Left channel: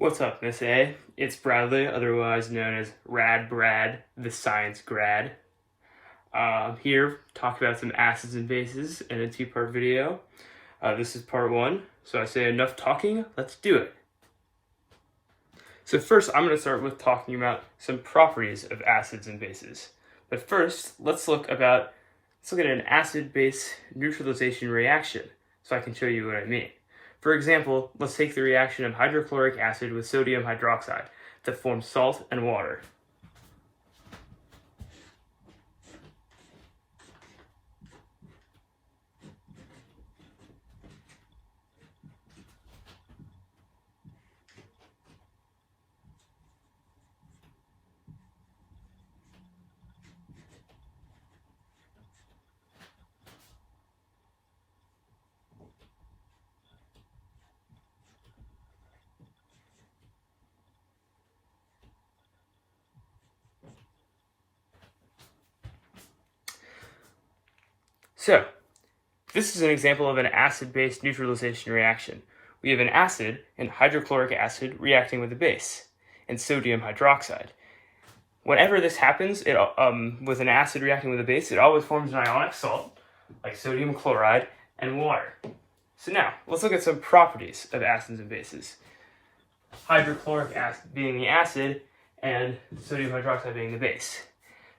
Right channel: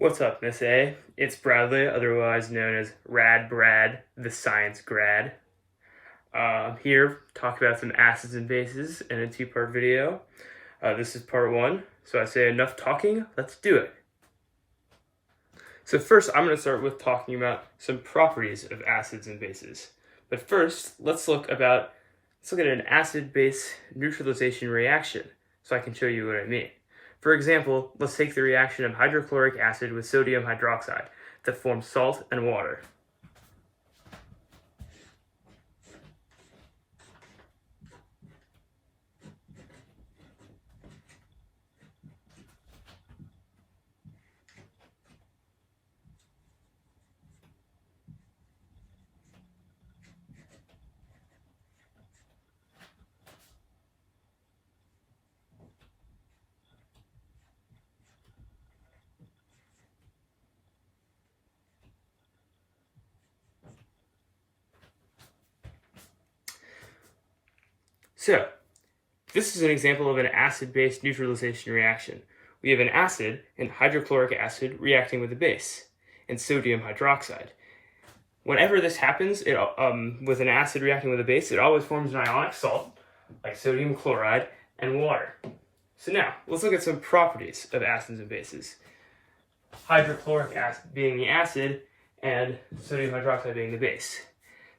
What's up, Miss A? It's Bradley, otherwise known as Rad Brad, the science grad. Here, talk about some acids and bases in a two-part video. This is part one, so I say enough talking, let's do it. So first, I'm going to start with talking about some properties of acids and bases. But first, let's look at an acid-base neutralization reaction, so I can show you what I mean. For example, let's take the reaction of hydrochloric acid with sodium hydroxide to form salt and water. So, this is an example of an acid-base neutralization reaction. We have an acid and hydrochloric acid reacting with a base and sodium hydroxide. Whenever this happens, with an acid reacting with a base, it always forms an ionic salt, like sodium chloride and water. So now, let's look at some properties of acids and bases. Hydrochloric acid being the acid and sodium hydroxide being the base.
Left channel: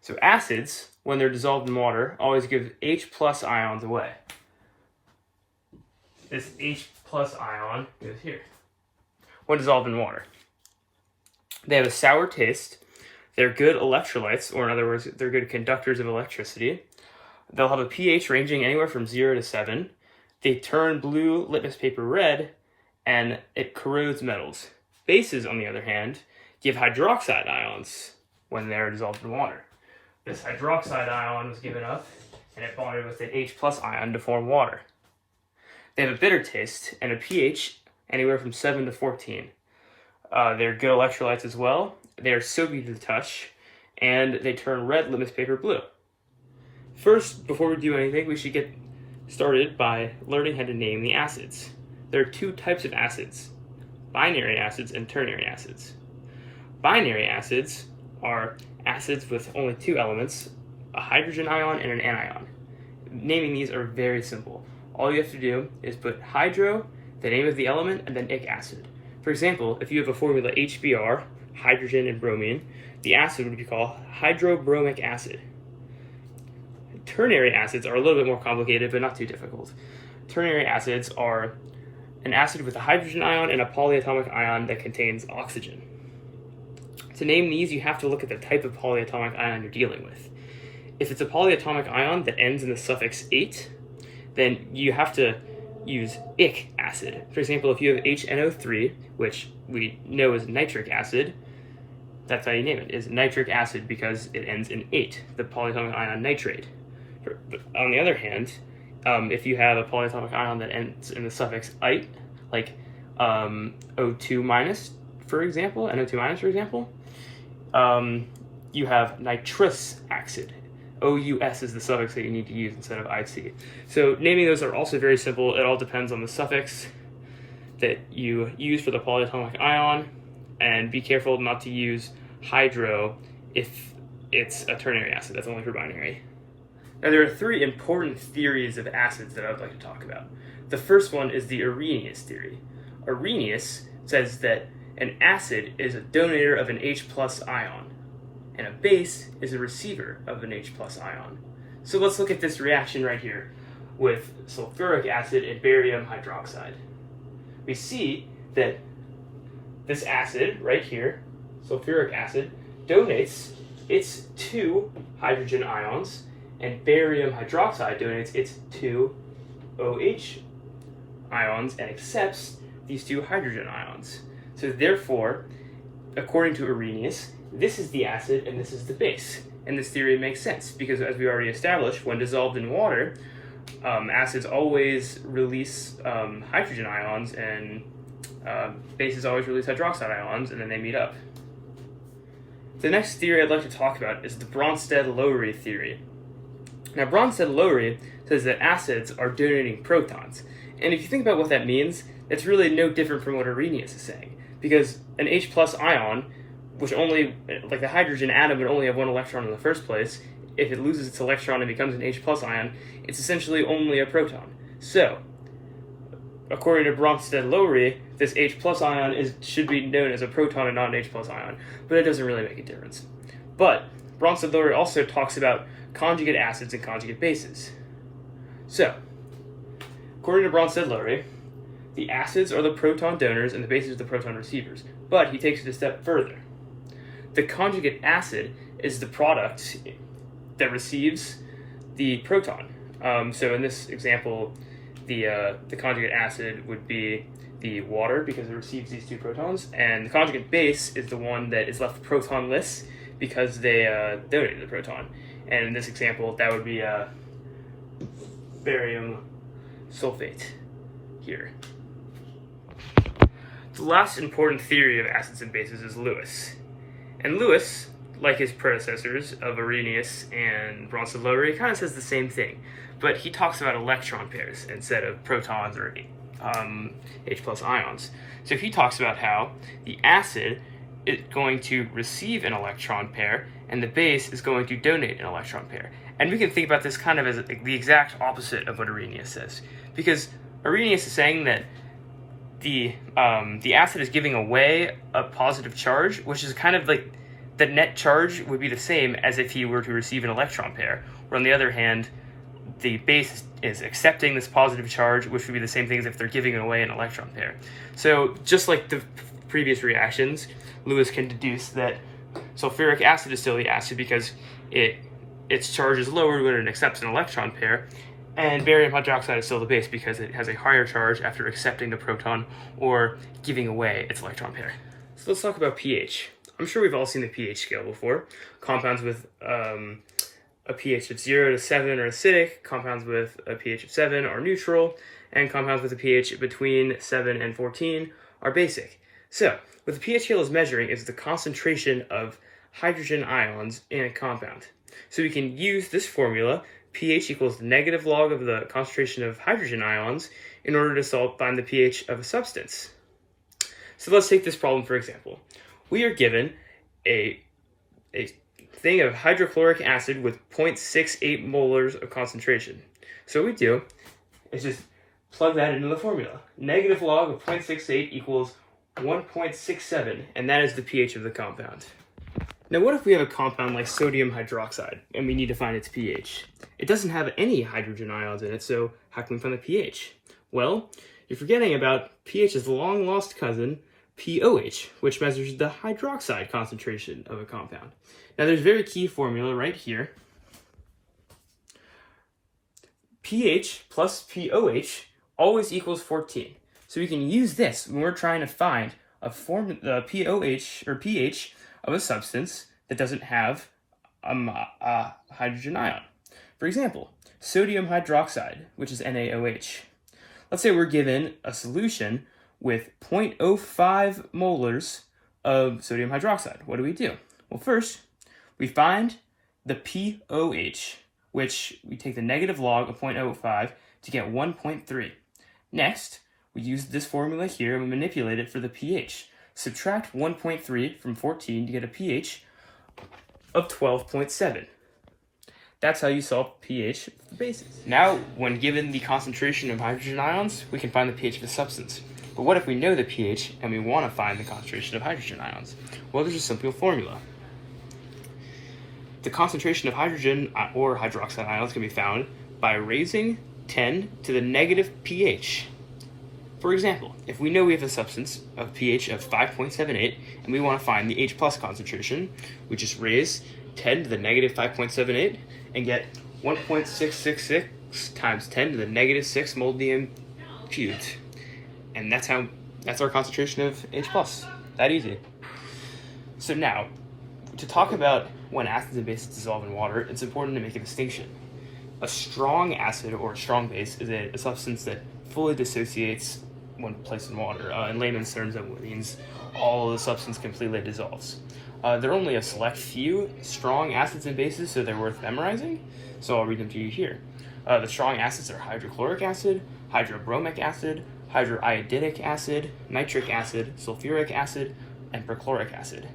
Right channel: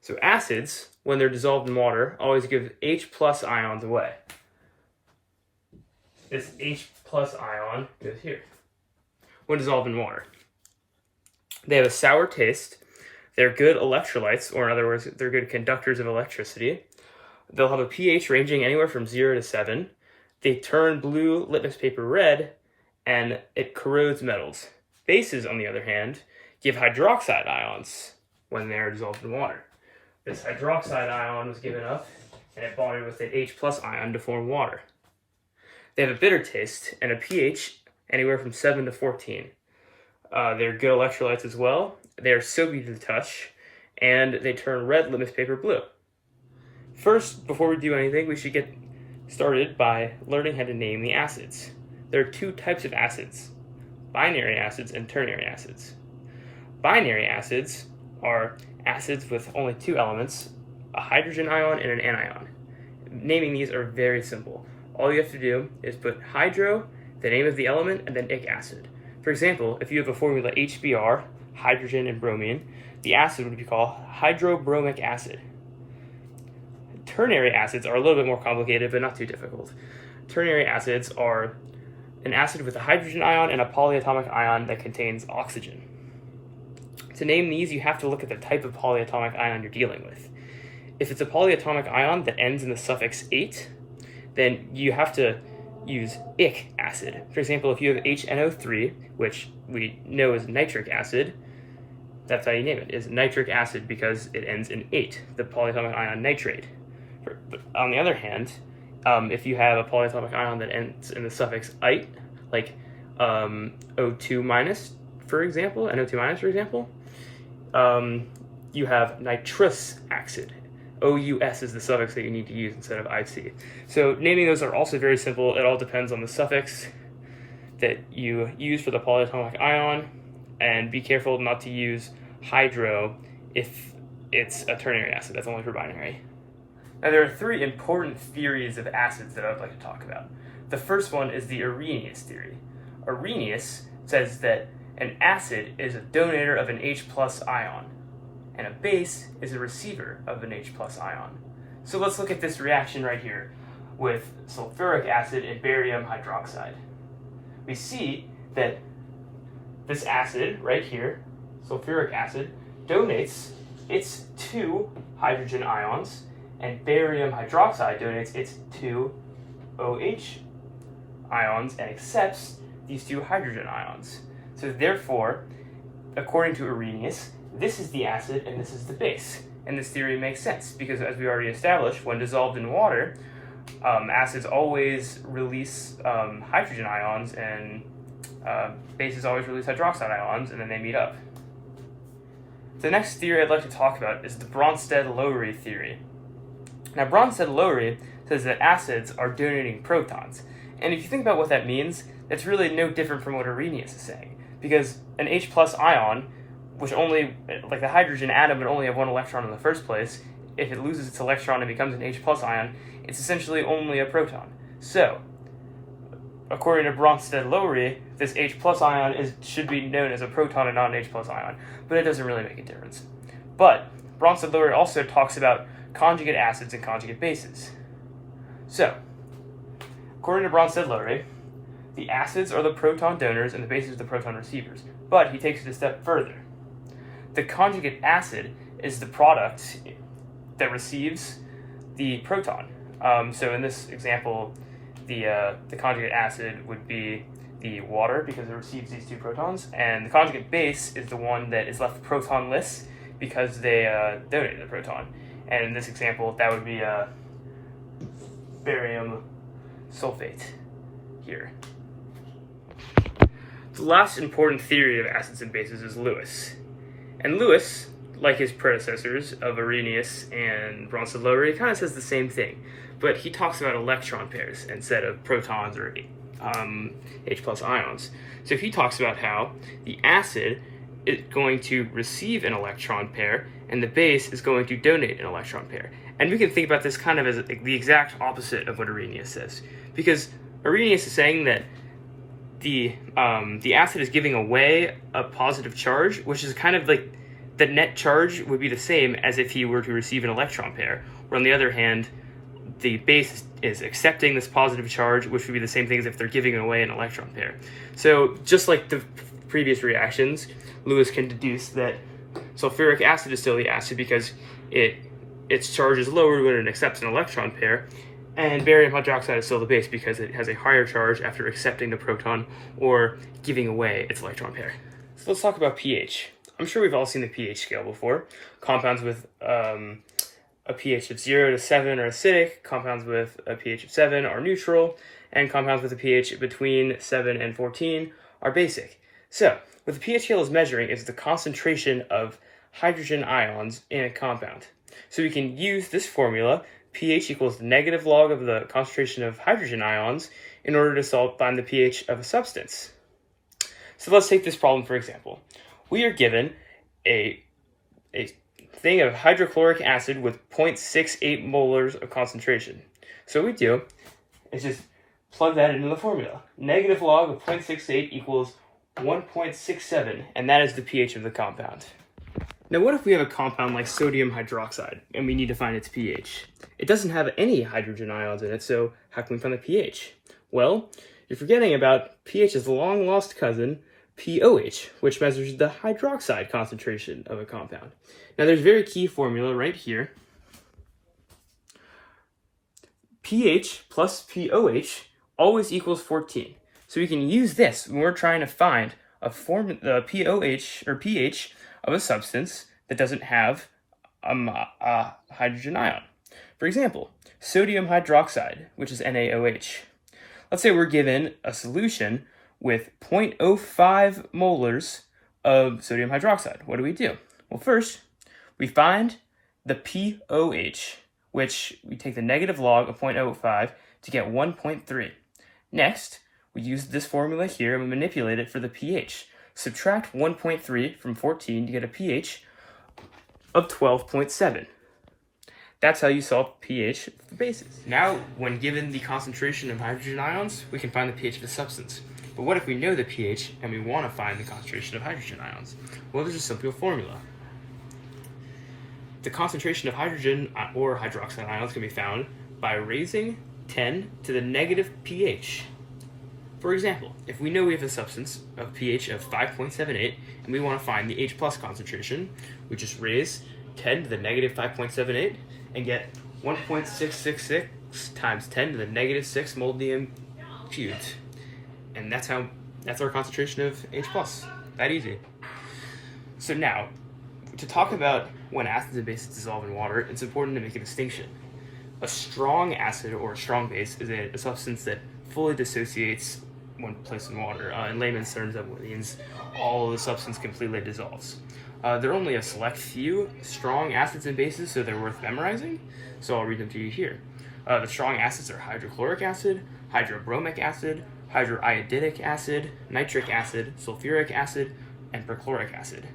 So acids, when they're dissolved in water, always give H plus ions away. This H plus ion goes here when dissolved in water. They have a sour taste. They're good electrolytes, or in other words, they're good conductors of electricity. They'll have a pH ranging anywhere from 0 to 7. They turn blue litmus paper red, and it corrodes metals. Bases, on the other hand, give hydroxide ions when they're dissolved in water. This hydroxide ion was given up, and it bonded with an H plus ion to form water. They have a bitter taste and a pH anywhere from 7 to 14. They're good electrolytes as well. They are soapy to the touch, and they turn red litmus paper blue. First, before we do anything, we should get started by learning how to name the acids. There are two types of acids: binary acids and ternary acids. Binary acids are acids with only two elements, a hydrogen ion and an anion. Naming these are very simple. All you have to do is put hydro, the name of the element, and then ic acid. For example, if you have a formula HBr, hydrogen and bromine, the acid would be called hydrobromic acid. Ternary acids are a little bit more complicated, but not too difficult. Ternary acids are an acid with a hydrogen ion and a polyatomic ion that contains oxygen. To name these, you have to look at the type of polyatomic ion you're dealing with. If it's a polyatomic ion that ends in the suffix ate, then you have to use ic acid. For example, if you have HNO3, which we know is nitric acid, that's how you name it, is nitric acid because it ends in ate, the polyatomic ion nitrate. But on the other hand, if you have a polyatomic ion that ends in the suffix ite, like O2 minus, for example, NO2 minus, for example, you have nitrous acid. OUS is the suffix that you need to use instead of IC. So naming those are also very simple. It all depends on the suffix that you use for the polyatomic ion, and be careful not to use hydro if it's a ternary acid. That's only for binary. Now there are three important theories of acids that I would like to talk about. The first one is the Arrhenius theory. Arrhenius says that an acid is a donator of an H plus ion, and a base is a receiver of an H plus ion. So let's look at this reaction right here with sulfuric acid and barium hydroxide. We see that this acid right here, sulfuric acid, donates its 2 hydrogen ions, and barium hydroxide donates its 2 OH ions and accepts these 2 hydrogen ions. So therefore, according to Arrhenius, this is the acid and this is the base. And this theory makes sense because, as we already established, when dissolved in water, acids always release hydrogen ions, and bases always release hydroxide ions, and then they meet up. The next theory I'd like to talk about is the Bronsted-Lowry theory. Now, Bronsted-Lowry says that acids are donating protons. And if you think about what that means, it's really no different from what Arrhenius is saying. because an H plus ion, which only, like the hydrogen atom would only have one electron in the first place, if it loses its electron and becomes an H plus ion, it's essentially only a proton. So, according to Bronsted-Lowry, this H plus ion should be known as a proton and not an H plus ion, but it doesn't really make a difference. But Bronsted-Lowry also talks about conjugate acids and conjugate bases. So, according to Bronsted-Lowry, the acids are the proton donors and the bases are the proton receivers. But he takes it a step further. The conjugate acid is the product that receives the proton. So in this example, the conjugate acid would be the water because it receives these two protons, and the conjugate base is the one that is left protonless because they donated the proton. And in this example, that would be barium sulfate here. The last important theory of acids and bases is Lewis. And Lewis, like his predecessors of Arrhenius and Bronsted-Lowry, kind of says the same thing, but he talks about electron pairs instead of protons or H plus ions. So he talks about how the acid is going to receive an electron pair and the base is going to donate an electron pair. And we can think about this kind of as the exact opposite of what Arrhenius says, because Arrhenius is saying that the acid is giving away a positive charge, which is kind of like the net charge would be the same as if he were to receive an electron pair. Where on the other hand, the base is accepting this positive charge, which would be the same thing as if they're giving away an electron pair. So just like the previous reactions, Lewis can deduce that sulfuric acid is still the acid because its charge is lower when it accepts an electron pair, and barium hydroxide is still the base because it has a higher charge after accepting the proton or giving away its electron pair. So let's talk about pH. I'm sure we've all seen the pH scale before. Compounds with a pH of 0 to 7 are acidic, compounds with a pH of 7 are neutral, and compounds with a pH between 7 and 14 are basic. So, what the pH scale is measuring is the concentration of hydrogen ions in a compound. So we can use this formula, pH equals the negative log of the concentration of hydrogen ions, in order to find the pH of a substance. So let's take this problem for example. We are given a thing of hydrochloric acid with 0.68 molars of concentration. So what we do is just plug that into the formula. Negative log of 0.68 equals 1.67, and that is the pH of the compound. Now what if we have a compound like sodium hydroxide, and we need to find its pH? It doesn't have any hydrogen ions in it, so how can we find the pH? Well, you're forgetting about pH's long-lost cousin, pOH, which measures the hydroxide concentration of a compound. Now there's a very key formula right here. pH plus pOH always equals 14. So we can use this when we're trying to find the pOH or pH of a substance that doesn't have a hydrogen ion. For example, sodium hydroxide, which is NaOH. Let's say we're given a solution with 0.05 molars of sodium hydroxide. What do? Well, first, we find the pOH, which we take the negative log of 0.05 to get 1.3. Next, we use this formula here and we manipulate it for the pH. Subtract 1.3 from 14 to get a pH of 12.7. That's how you solve pH of the bases. Now, when given the concentration of hydrogen ions, we can find the pH of a substance. But what if we know the pH and we want to find the concentration of hydrogen ions? Well, there's a simple formula. The concentration of hydrogen or hydroxide ions can be found by raising 10 to the negative pH. For example, if we know we have a substance of pH of 5.78 and we want to find the H plus concentration, we just raise 10 to the negative 5.78 and get 1.666 times 10 to the negative 6 molybdenum cubed. And that's our concentration of H plus. That easy. So now, to talk about when acids and bases dissolve in water, it's important to make a distinction. A strong acid or a strong base is a substance that fully dissociates when placed in water. In layman's terms, that means all of the substance completely dissolves. There are only a select few strong acids and bases, so they're worth memorizing. So I'll read them to you here. The strong acids are hydrochloric acid, hydrobromic acid, hydroiodic acid, nitric acid, sulfuric acid, and perchloric acid.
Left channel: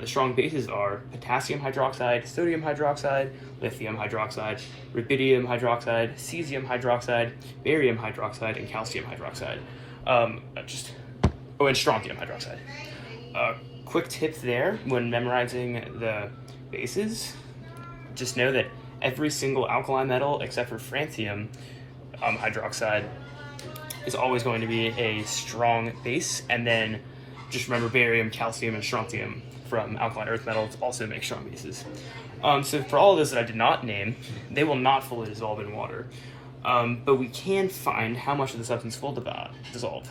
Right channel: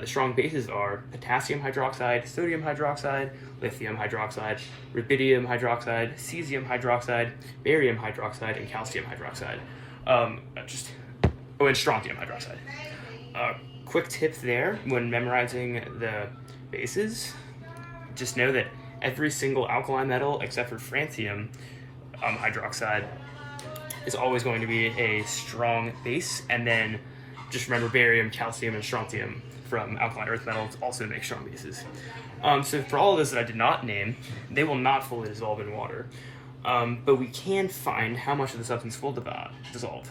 The strong bases are potassium hydroxide, sodium hydroxide, lithium hydroxide, rubidium hydroxide, cesium hydroxide, barium hydroxide, and calcium hydroxide. And strontium hydroxide. Quick tip there when memorizing the bases, just know that every single alkali metal except for francium hydroxide is always going to be a strong base, and then just remember barium, calcium, and strontium from alkaline earth metals also make strong bases. So for all of those that I did not name, they will not fully dissolve in water, but we can find how much of the substance will dissolve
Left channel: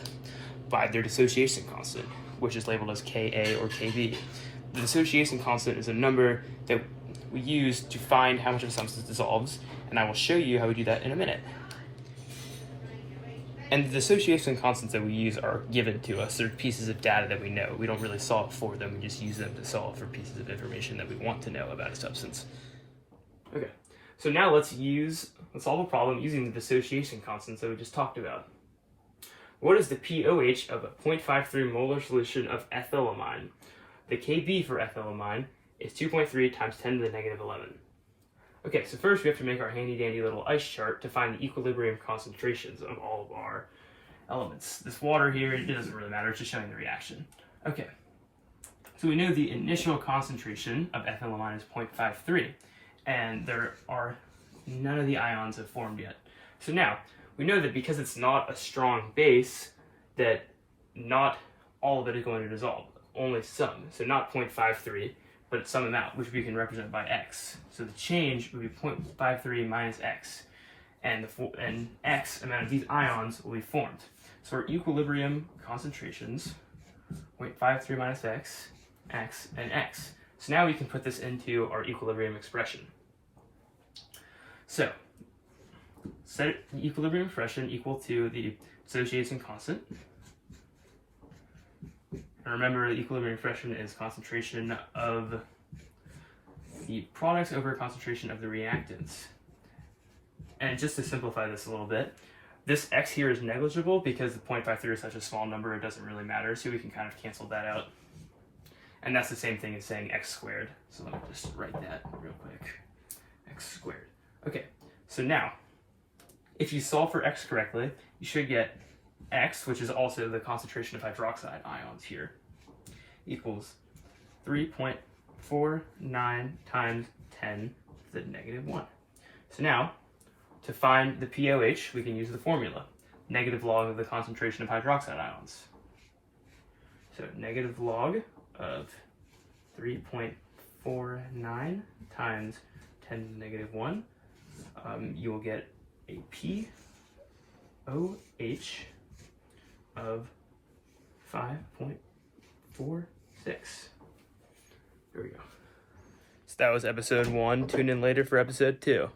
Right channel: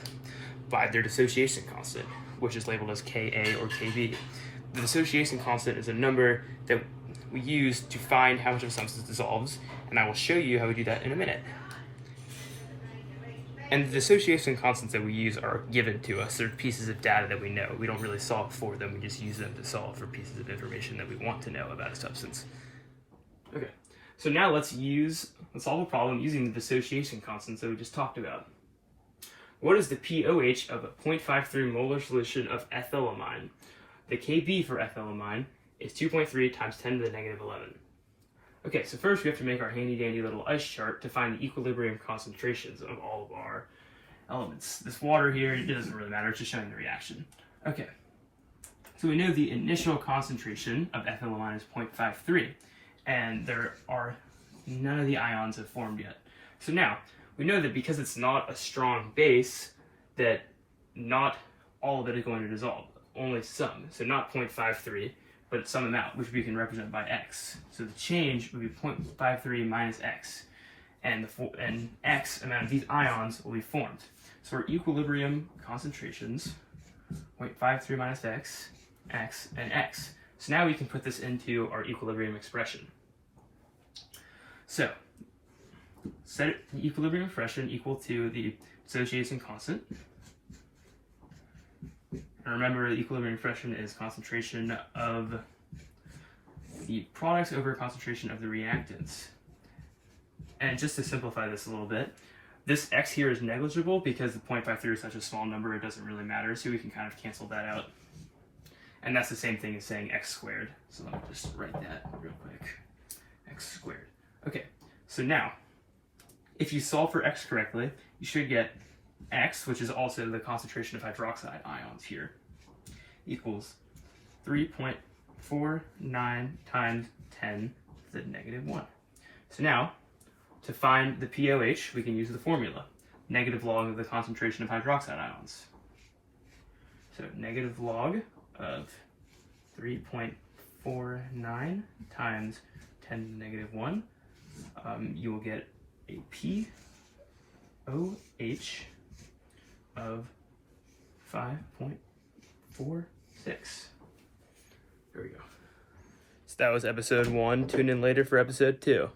by their dissociation constant, which is labeled as Ka or Kb. The dissociation constant is a number that we use to find how much of a substance dissolves, and I will show you how we do that in a minute. And the dissociation constants that we use are given to us. They're pieces of data that we know. We don't really solve for them, we just use them to solve for pieces of information that we want to know about a substance. Okay, so now let's solve a problem using the dissociation constants that we just talked about. What is the pOH of a 0.53 molar solution of ethylamine? The Kb for ethylamine is 2.3 times 10 to the negative 11. Okay, so first we have to make our handy-dandy little ice chart to find the equilibrium concentrations of all of our elements. This water here, it doesn't really matter, it's just showing the reaction. Okay, so we know the initial concentration of ethylamine is 0.53, and none of the ions have formed yet. So now, we know that because it's not a strong base, that not all of it is going to dissolve, only some. So not 0.53, but some amount, which we can represent by x. So the change would be 0.53 minus x, and x amount of these ions will be formed. So our equilibrium concentrations, 0.53 minus x, and x. So now we can put this into our equilibrium expression. So set the equilibrium expression equal to the dissociation constant. And remember, the equilibrium expression is concentration of the products over concentration of the reactants. And just to simplify this a little bit, this x here is negligible because the 0.53 is such a small number, it doesn't really matter, so we can kind of cancel that out. And that's the same thing as saying x squared. So let me just write that real quick. X squared. Okay, so now, if you solve for x correctly, you should get x, which is also the concentration of hydroxide ions here, equals 3.49 times 10 to the negative 1. So now, to find the pOH, we can use the formula, negative log of the concentration of hydroxide ions. So negative log of 3.49 times 10 to the negative 1, you will get a pOH of 5.46. There we go. So that was episode 1. Tune in later for episode 2.